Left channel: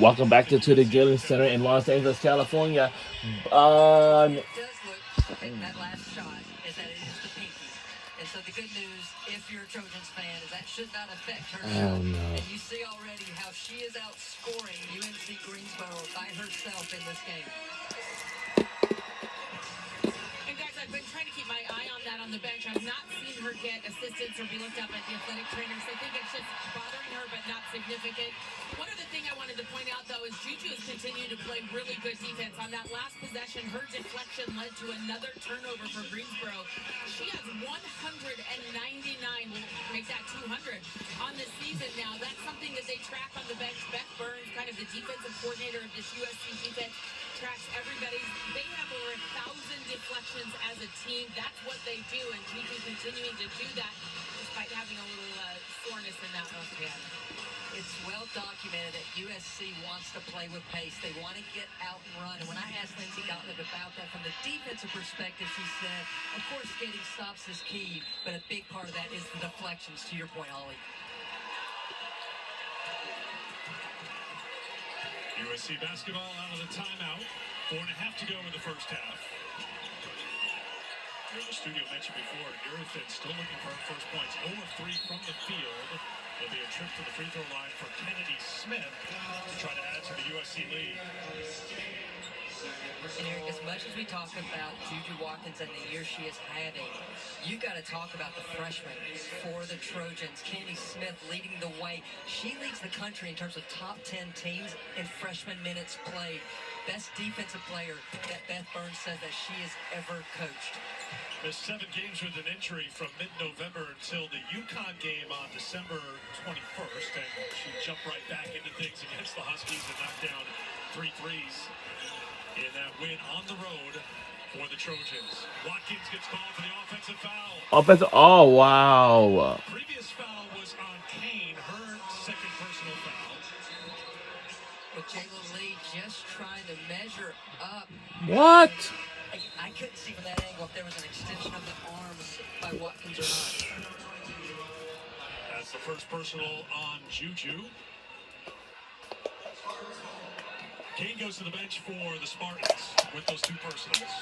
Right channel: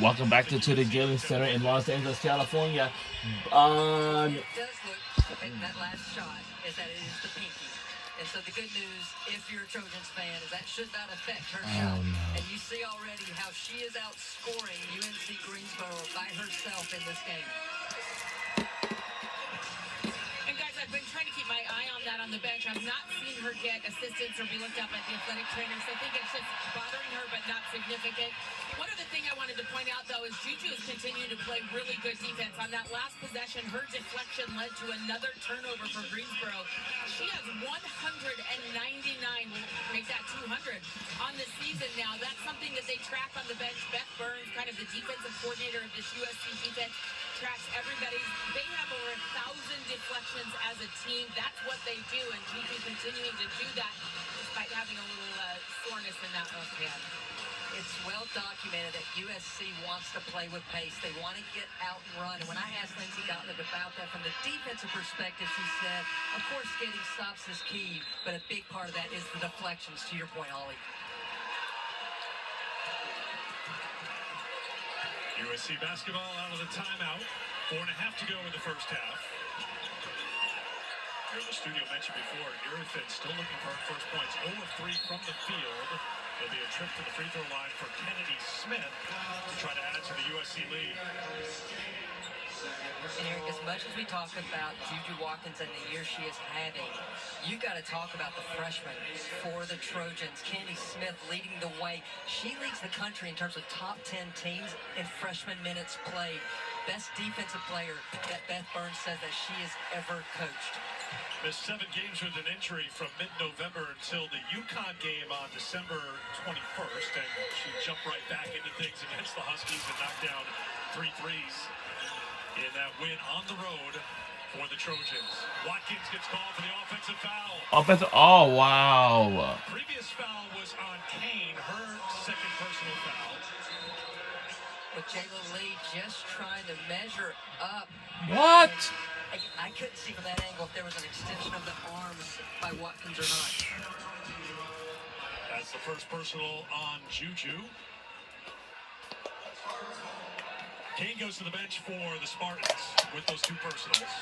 Welcome back to the Gillen Center in Los Angeles, California. It does look, that last shot, is that it is the pinky. And so the good news, if you're a Trojans fan, is that should not affect her shot. And you see already how she is outscoring UNC Greensboro by herself in this game. And guys, I've been trying to keep my eye on that on the bench. I've not seen her get assistance or be looked up at the athletic trainers. I think it's just bothering her, but not significant. One other thing I wanted to point out, though, is Juju is continuing to play really good defense. On that last possession, her deflection led to another turnover for Greensboro. She has 199, make that 200 on the season now. That's something that they track on the bench. Beth Burns, kind of the defensive coordinator of this USC defense, tracks everybody. They have over 1,000 deflections as a team. That's what they do, and Juju continuing to do that despite having a little soreness in that left hand. It's well documented that USC wants to play with pace. They want to get out and run. And when I asked Lindsey Gottlieb about that from the defensive perspective, she said, of course, getting stops is key, but a big part of that is the deflections, to your point, Holly. USC basketball out of the timeout. 4.5 to go in the first half. Here in the studio mentioned before, Eurofin still looking for her first points. 0 of 3 from the field. There'll be a trip to the free throw line for Kennedy Smith to try to add to the USC lead. And Eric, as much as we talk about Juju Watkins and the year she is having, you got to talk about the freshman for the Trojans. Kennedy Smith leading the way. She leads the country in terms of top 10 teams in freshman minutes played. Best defensive player that Beth Burns says that she has ever coached. Missed 7 games with an injury from mid-November until the UConn game on December 21st, and she jumped right back into things against the Huskies and knocked down 3 threes in that win on the road for the Trojans. Watkins gets called for the offensive foul. Oh, wow. Previous foul was on Kane, her second personal foul. But Jayla Lee just trying to measure up. What? I couldn't see from that angle if there was an extension of the arms by Watkins or not. That's the first personal on Juju. Kane goes to the bench for the Spartans with those 2 personals.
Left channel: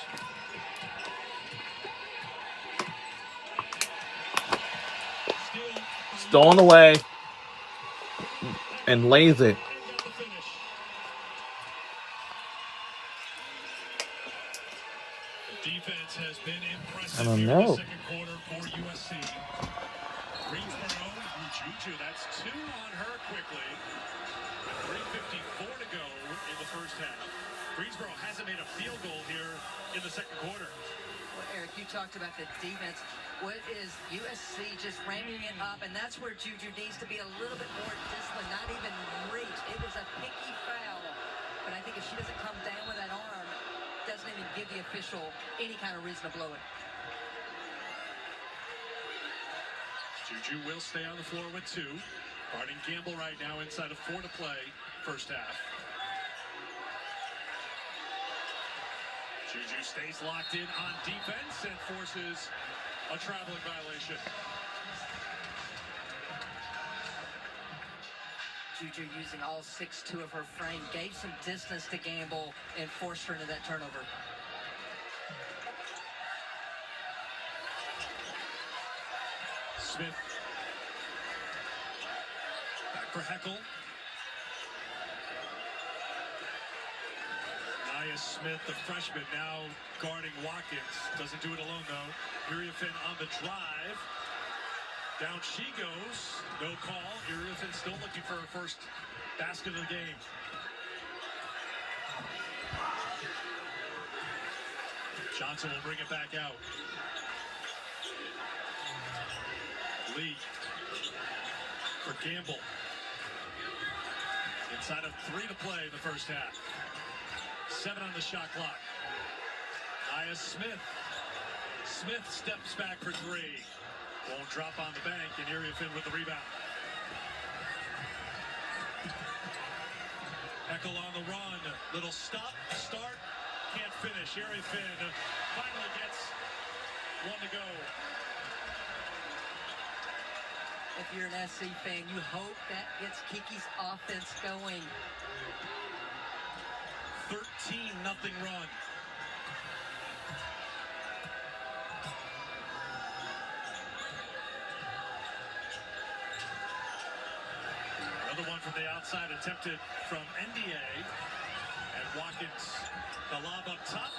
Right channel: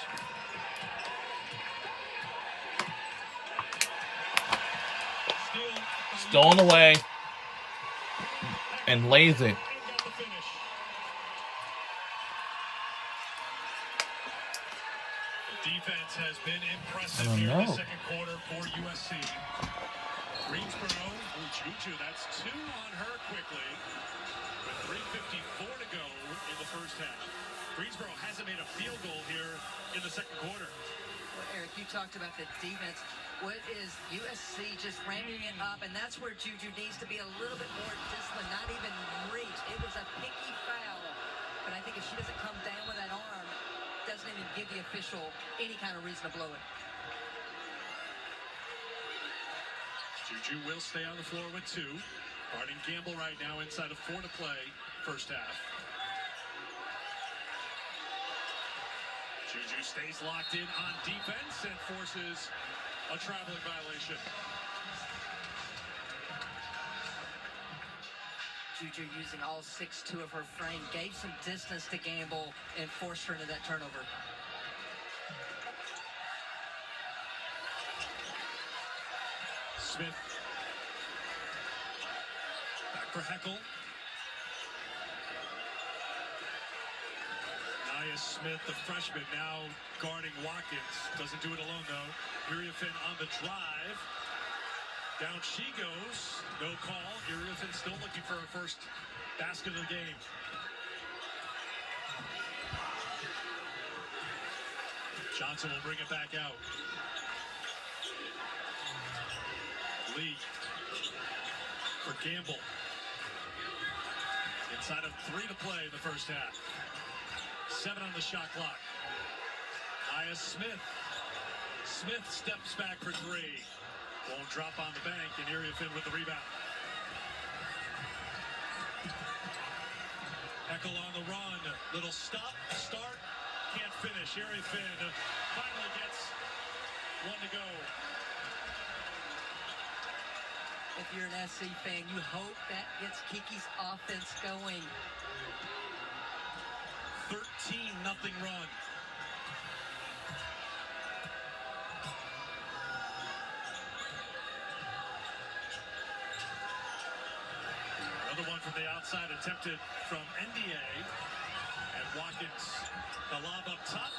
Stolen away and lays it. Defense has been impressive I don't here in know. the second quarter for USC. Greensboro, Juju, that's 2 on her quickly. With 3:54 to go in the first half. Greensboro hasn't made a field goal here in the second quarter. Well, Eric, you talked about the defense. What is USC just ramping it up? And that's where Juju needs to be a little bit more disciplined, not even reach. It was a pinky foul. But I think if she doesn't come down with that arm, doesn't even give the official any kind of reason to blow it. Juju will stay on the floor with 2. Harding Gamble right now inside of 4 to play, first half. Juju stays locked in on defense and forces a traveling violation. Juju using all 6'2" of her frame, gave some distance to Gamble and forced her into that turnover. Smith. Back for Heckel. Nia Smith, the freshman, now guarding Watkins. Doesn't do it alone, though. Iriafin on the drive. Down she goes. No call. Iriafin still looking for her first basket of the game. Johnson will bring it back out. Lee for Gamble. Inside of 3 to play in the first half. 7 on the shot clock. Nia Smith. Smith steps back for 3. Won't drop on the bank, and Iriafin with the rebound. Heckel on the run. Little stop, start, can't finish. Iriafin finally gets 1 to go. if you're an SC fan. You hope that gets Kiki's offense going. 13-0 run. Another one from the outside attempted from NDA. And Watkins, the lob up top.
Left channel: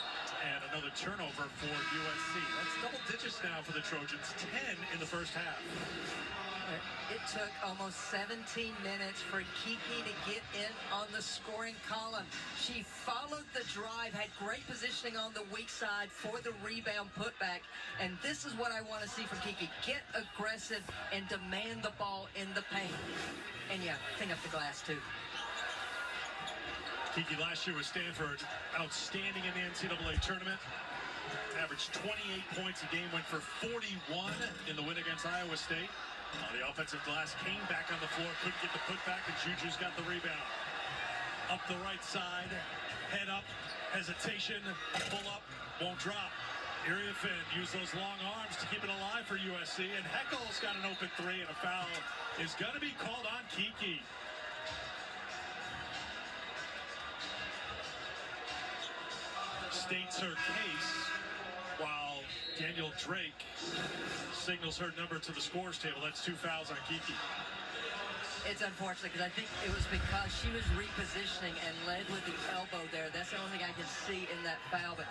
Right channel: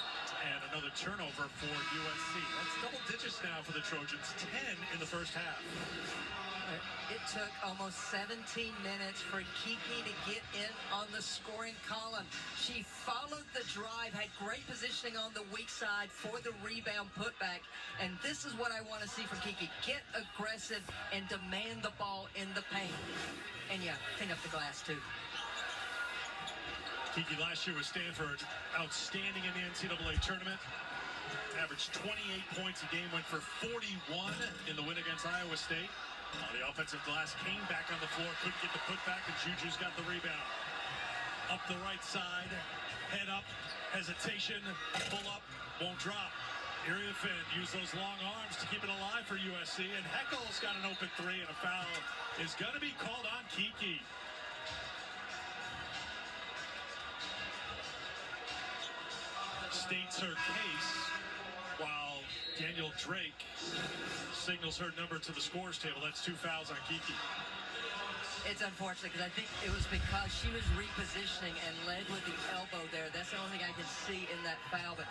And another turnover for USC. That's double digits now for the Trojans. 10 in the first half. It took almost 17 minutes for Kiki to get in on the scoring column. She followed the drive, had great positioning on the weak side for the rebound putback. And this is what I want to see from Kiki. Get aggressive and demand the ball in the paint. And yeah, clean up the glass too. Kiki last year with Stanford, outstanding in the NCAA tournament. Averaged 28 points a game, went for 41 in the win against Iowa State. The offensive glass came back on the floor, couldn't get the putback, and Juju's got the rebound. Up the right side, head up, hesitation, pull up, won't drop. Area Finn used those long arms to keep it alive for USC, and Heckel's got an open three, and a foul is going to be called on Kiki. States her case while Daniel Drake signals her number to the scores table. That's 2 fouls on Kiki. It's unfortunate because I think it was because she was repositioning and led with the elbow there. That's the only thing I can see in that foul. But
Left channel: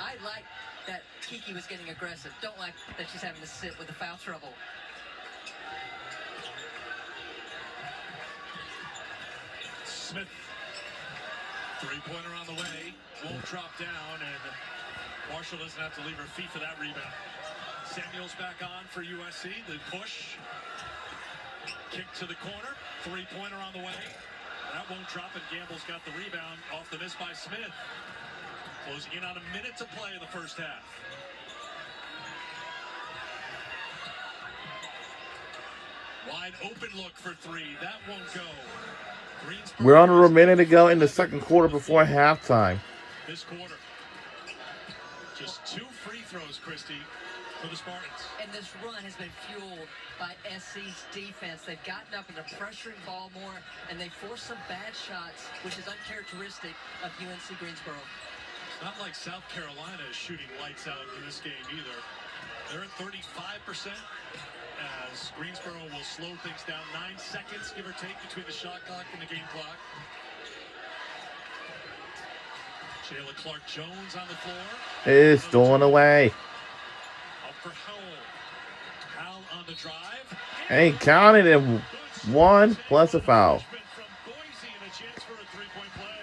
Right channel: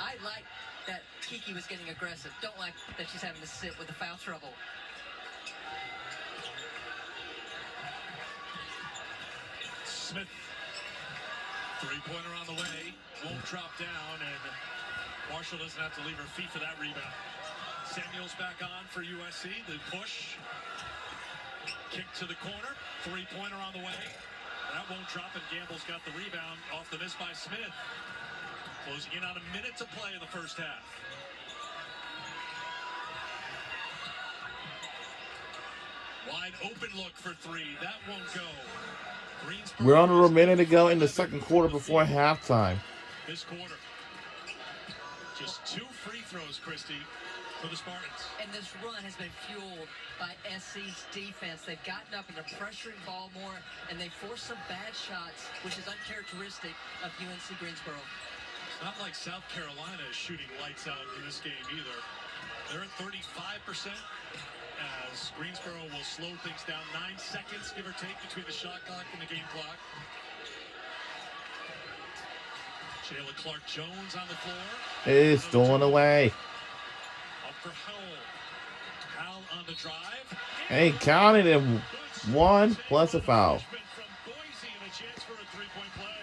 I like that Kiki was getting aggressive. Don't like that she's having to sit with the foul trouble. Smith, three-pointer on the way, won't drop down, and Marshall doesn't have to leave her feet for that rebound. Samuels back on for USC, the push, kick to the corner, three-pointer on the way. That won't drop, and Gamble's got the rebound off the miss by Smith. Closing in on a minute to play in the first half. Wide open look for three, that won't go. We're under a minute to go in the second quarter before halftime. This quarter. Just 2 free throws, Christy, for the Spartans. And this run has been fueled by SC's defense. They've gotten up into pressuring ball more, and they forced some bad shots, which is uncharacteristic of UNC Greensboro. It's not like South Carolina is shooting lights out in this game either. They're at 35%. As Greensboro will slow things down. 9 seconds, give or take, between the shot clock and the game clock. Jayla Clark-Jones on the floor. It's stolen away. Up for Howell. Howell on the drive. Hey, counted him. 1 plus a foul. From Boise, and a chance for a three-point play.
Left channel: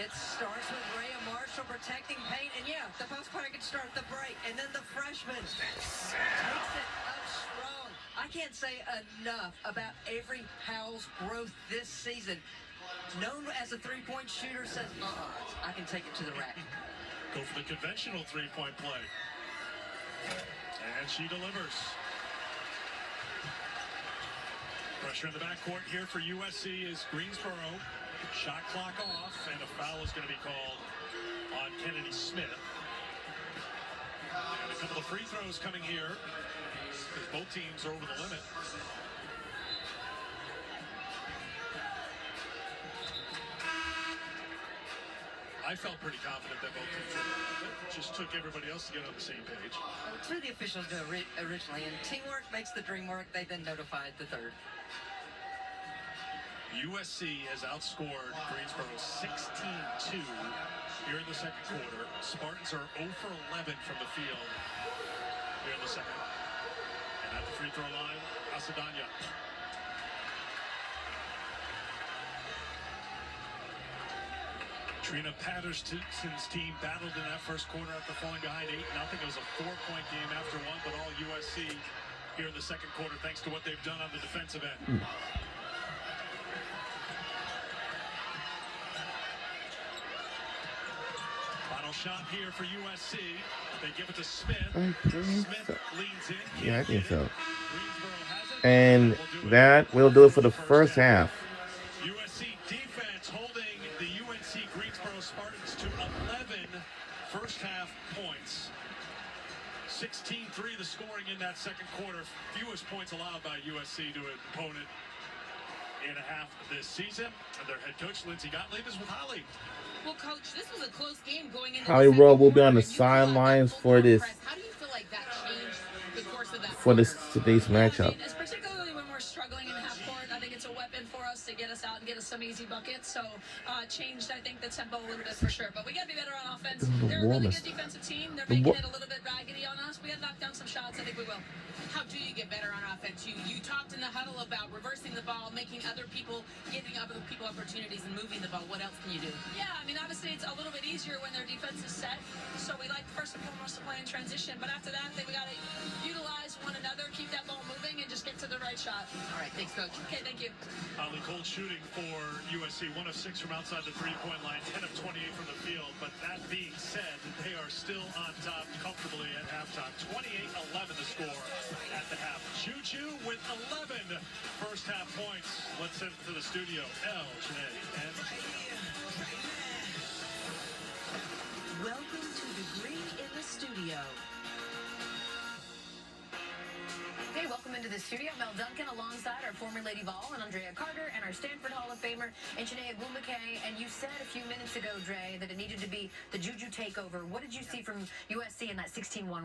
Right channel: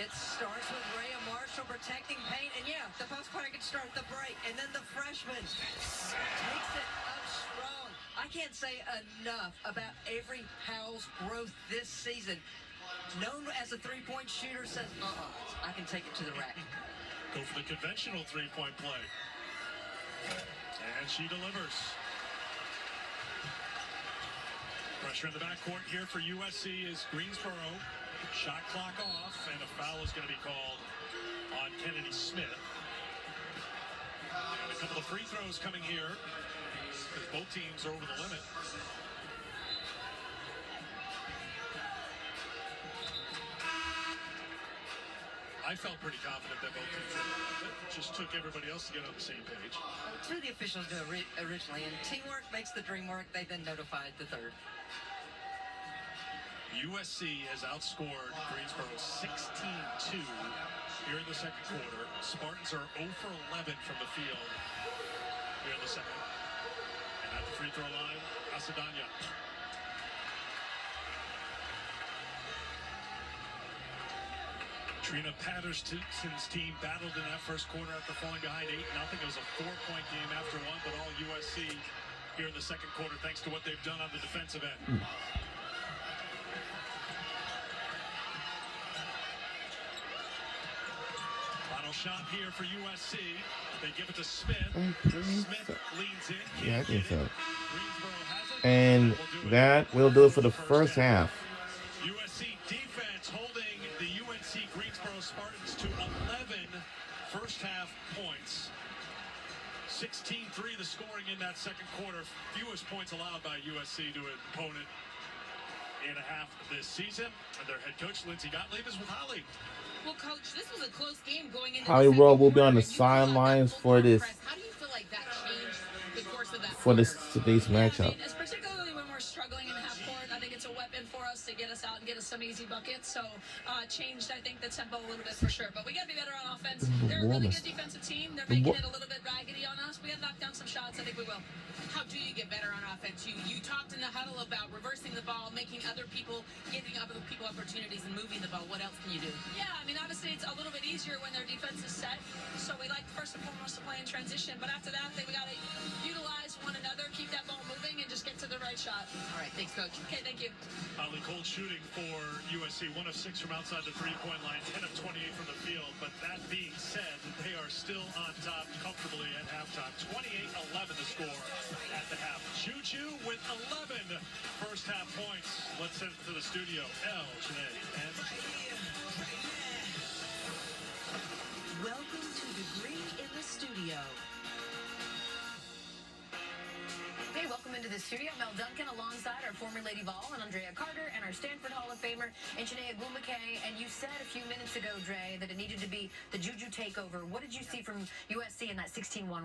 It starts with Rhea Marshall protecting paint, and yeah, the post player can start the break, and then the freshman takes it up strong. I can't say enough about Avery Howell's growth this season. Known as a three-point shooter, says, I can take it to the rack. Go for the conventional three-point play. And she delivers. Pressure in the backcourt here for USC is Greensboro. Shot clock off, and a foul is going to be called on Kennedy Smith. And a couple of free throws coming here, because both teams are over the limit. I felt pretty confident that both teams were over the limit. Just took everybody else to get on the same page. Two of the officials knew originally, and teamwork makes the dream work. They then notified the third. USC has outscored Greensboro 16-2 here in the second quarter. Spartans are 0 for 11 from the field here in the second. And at the free throw line, Asadanya. Trina Patterson's team battled in that first quarter after falling behind 8-0. It was a 4-point game after one, but all USC here in the second quarter thanks to what they've done on the defensive end. Final shot here for USC. They give it to Smith. Smith leans in. Yeah, I think so. Greensboro has it. And that will do it for the first half. USC defense holding the UNC Greensboro Spartans to 11 first half points. 6 in that second quarter. Fewest points allowed by USC to an opponent in a half this season. And their head coach, Lindsey Gottlieb, is with Holly. Well, Coach, this was a close game going into Holly the Rowe second will be on quarter, the and you saw that sidelines full for court this press. How do you feel like that changed the course of that for this quarter? today's Yeah, matchup. it's particularly when we're struggling in half court. I think it's a weapon for us to get us out and get us some easy buckets. So changed, I think, the tempo a little bit for sure. But we got to be better on offense. They're a really good defensive team. They're making it a little bit raggedy on us. We got to knock down some shots. I think we will. How do you get better on offense? You talked in the huddle about reversing the ball, making other people, giving other people opportunities and moving the ball. What else can you do? Yeah, I mean, obviously it's a little bit easier when their defense is set. So we like first and foremost to play in transition. But after that, I think we got to utilize one another, keep that ball moving, and just get to the right shot. All right, thanks, Coach. Okay, thank you. Holly Cole shooting for USC, 1 of 6 from outside the three-point line, 10 of 28 from the field. But that being said, they are still on top comfortably at halftime. 28-11 the score at the half. Juju with 11 first half points. Let's send it to the studio. Janae and Welcome to the Green in the Studio. Hey, welcome into the studio. Mel Duncan alongside our former Lady Vol and Andrea Carter and our Stanford Hall of Famer and Chiney Ogwumike. And you said a few minutes ago, Dre, that it needed to be the Juju takeover. What did you see from USC in that 16-1 run?